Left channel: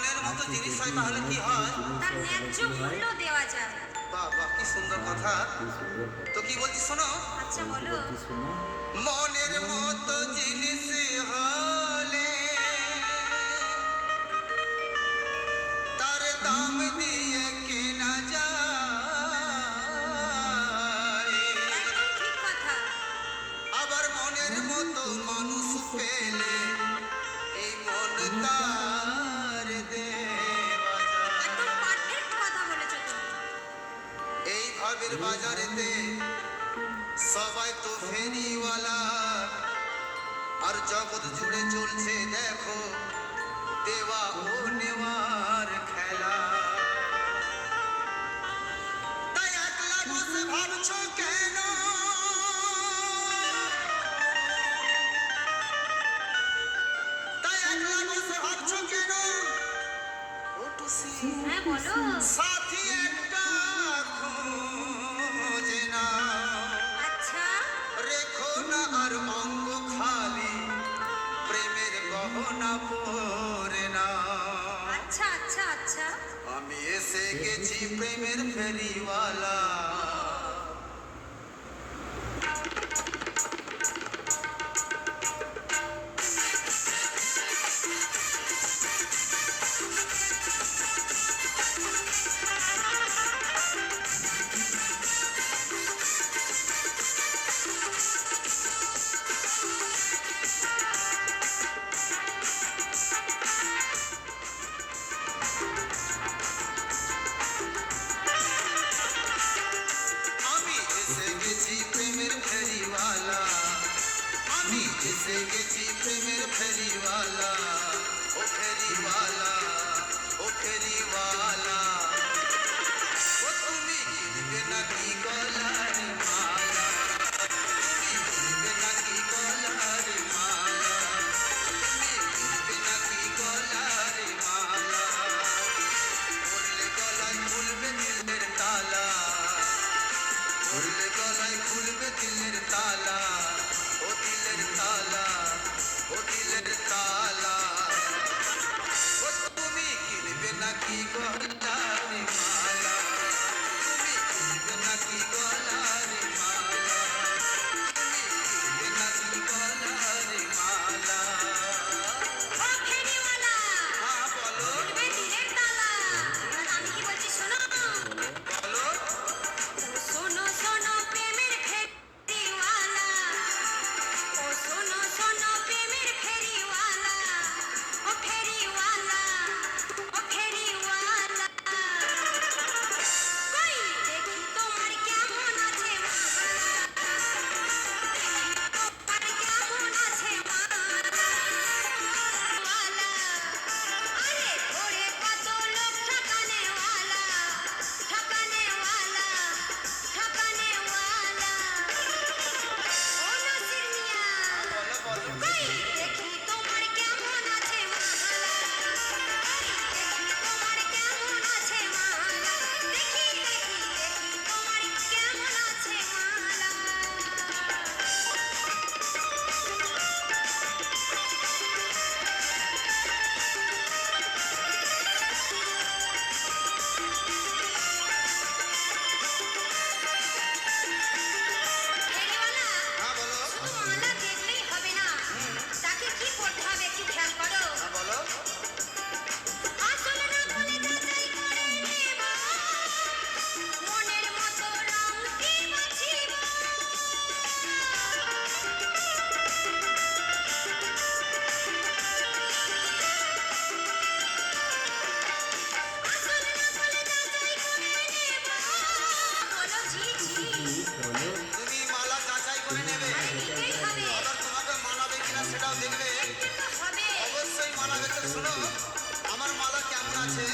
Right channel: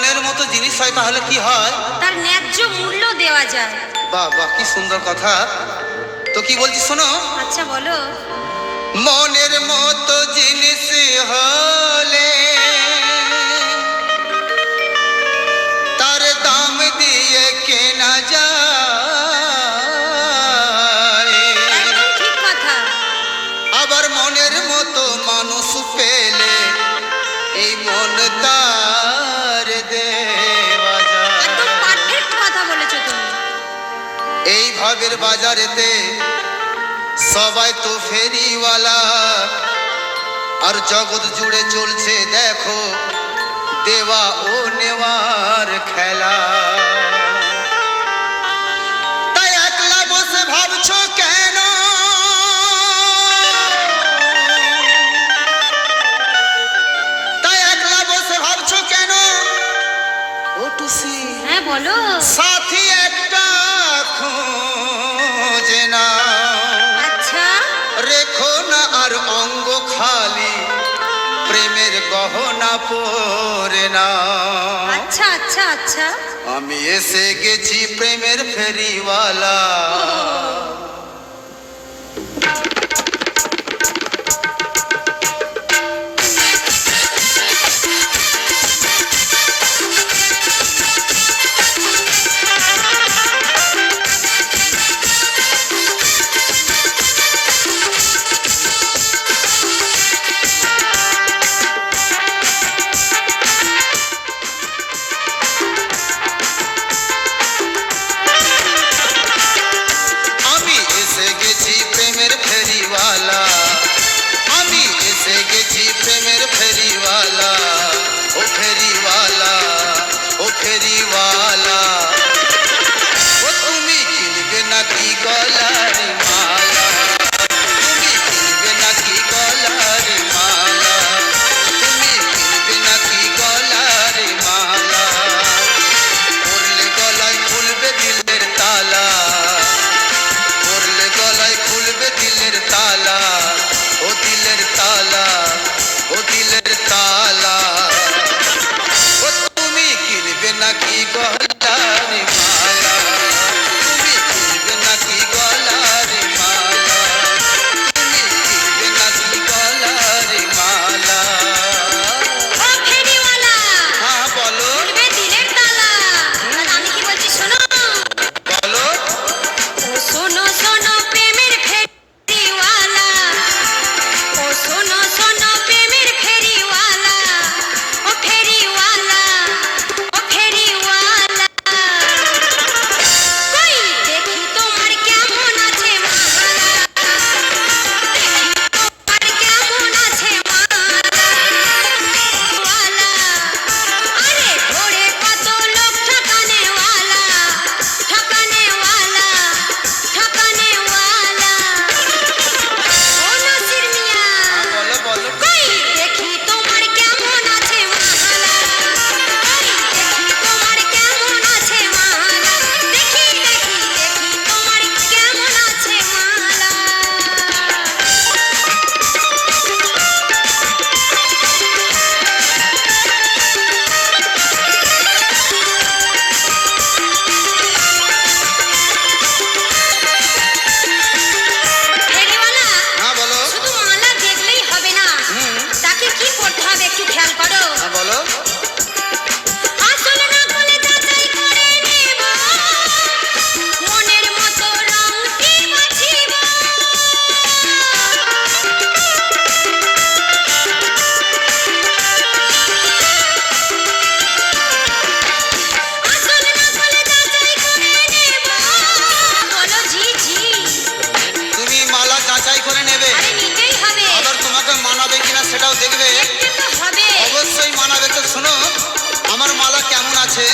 মনের মতো জিনিস হয় তাহলে কি হয়? তার ন্যায্য মূল্য দেওয়া যায়। বাহ বাহ, কি সুন্দর কথা। তো কি বলছি শোনো। আচ্ছা বলো। মনের মতো জিনিস হলে তার দাম দিয়ে কেনা যায়। একদম ঠিক কথা। আবার মনের মতো মানুষ পেলে এই মন তার দেওয়া যায়। একদম পারফেক্ট কথা বলেছো তুমি। এই ভাবের বাজারেতে সবাই তো ফেরিওয়ালা, আর জগৎ জুড়ে চলছে দেখো দেওয়া ও নেওয়ার খেলা। তাই একলা বসে ভাবছো কেন? তাই একলা বসে ভাবছো কেন? ও টুসি, হ্যাঁ বলো। সাথী একটা খোঁজে না। আচ্ছা রেখো না আর অঙ্গ খালি, প্রেমের গহনা পরে না। আচ্ছা আচ্ছা আচ্ছা। আমি এসে গেছি প্রেমের ফেরিওয়ালা। আমি এসে গেছি প্রেমের ফেরিওয়ালা। আমি এসে গেছি প্রেমের ফেরিওয়ালা। ও ফেরিওয়ালা, ও ফেরিওয়ালা, ও তুমি কিনবে নাকি গলার মালা? তুমি কিনবে নাকি গলার মালা? তুমি কিনবে নাকি গলার মালা? পরলে গলায় খুলবে দিলের তালা। পরলে গলায় খুলবে দিলের তালা। ও দিলের তালা, ও দিলের তালা, ও তুমি কিনবে নাকি গলার মালা? তুমি কিনবে নাকি গলার মালা? তুমি কিনবে নাকি গলার মালা? ও ফেরিওয়ালা, হ্যাঁ বলো খুলবে দিলের তালা। আর আমি কি বলছি শোনো। বলো। ও শোনো শোনো প্রেমের ফেরিওয়ালা। ও শোনো শোনো প্রেমের ফেরিওয়ালা। ও ফেরিওয়ালা, ও ফেরিওয়ালা। কই দেখি তোমার কেমন আছে মালা। দেখি তোমার কেমন আছে মালা। ওয়ালা, আরে ঘোরে কত লোক ঠকানেওয়ালা। ঠকানেওয়ালা, ঠকানেওয়ালা। ও নাসির মিয়া, বলো বলো। কই দেখি তোমার কেমন আছে মালা। কই দেখি তোমার কেমন আছে মালা। দেখি দেখি দেখি তোমার কেমন আছে মালা। ফেরিওয়ালা, হ্যাঁ বলো। শুধু মালা দেখলেই হবে না, তাকে কি করতে হবে একটু খেয়াল করো। হ্যাঁ বলো। আসল নকল যাচাই করে নেব, মনের মতো রংটি বাছিব। আসল নকল যাচাই করে নেব। বলো জি জি। তুমি মালা যাচাই করে নেবে, আরে নিতেই হবে, আবার তোমাকে মানাবে কিনা সেটাও দেখবে। দেখতে তো হবে। অবশ্যই মানাবে। তো শোনো আমার মালা কেমন আছে।